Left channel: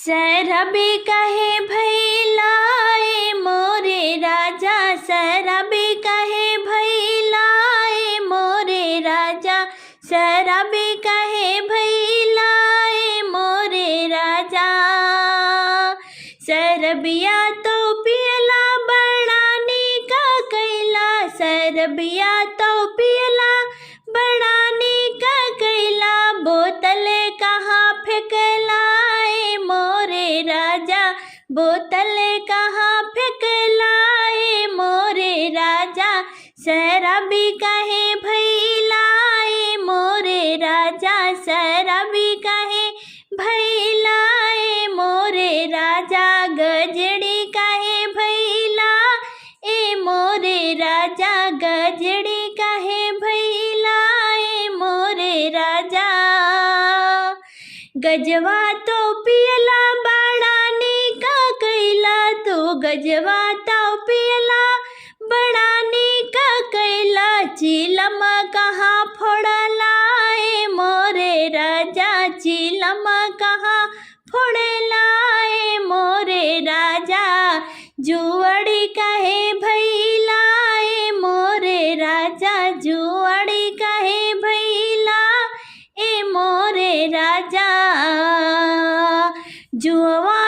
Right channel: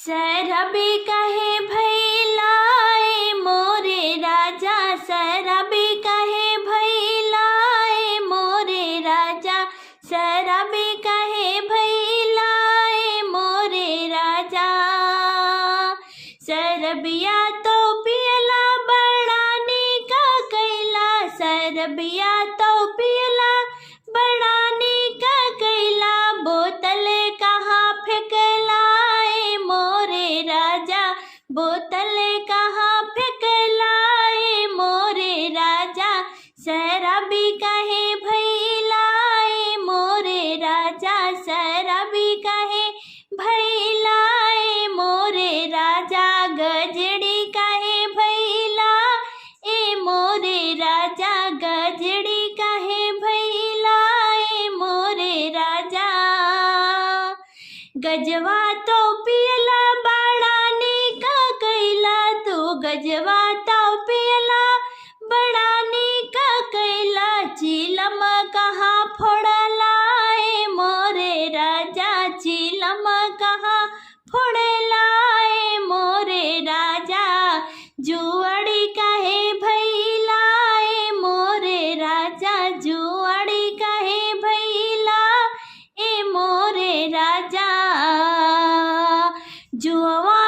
शराबी कहे भैलाए मोरे राजा, शराबी कहे भैलाए मोरे राजा, शराबी कहे भैलाए मोरे राजा। शरबिया तो पियला बड़ा निका कैला, शरबिया तो पियला बड़ा निका कैला, बोतल कहाँ फेंकलाए मोरे राजा, बोतल कहाँ फेंकलाए मोरे राजा। शराबी कहे भैलाए मोरे राजा, शराबी कहे भैलाए मोरे राजा। गजड़ी कहे भैला ए मोरे राजा, गजड़ी कहे भैला ए मोरे राजा। गजवा तो पियला बड़ा निका कैला, तू गजवा तो पियला बड़ा निका कैला, चिलम कहाँ फोड़ला ए मोरे राजा, चिलम कहाँ फोड़ला ए मोरे राजा। जुअड़ी कहे भैला ए मोरे राजा, जुअड़ी कहे भैला ए मोरे राजा। जुआ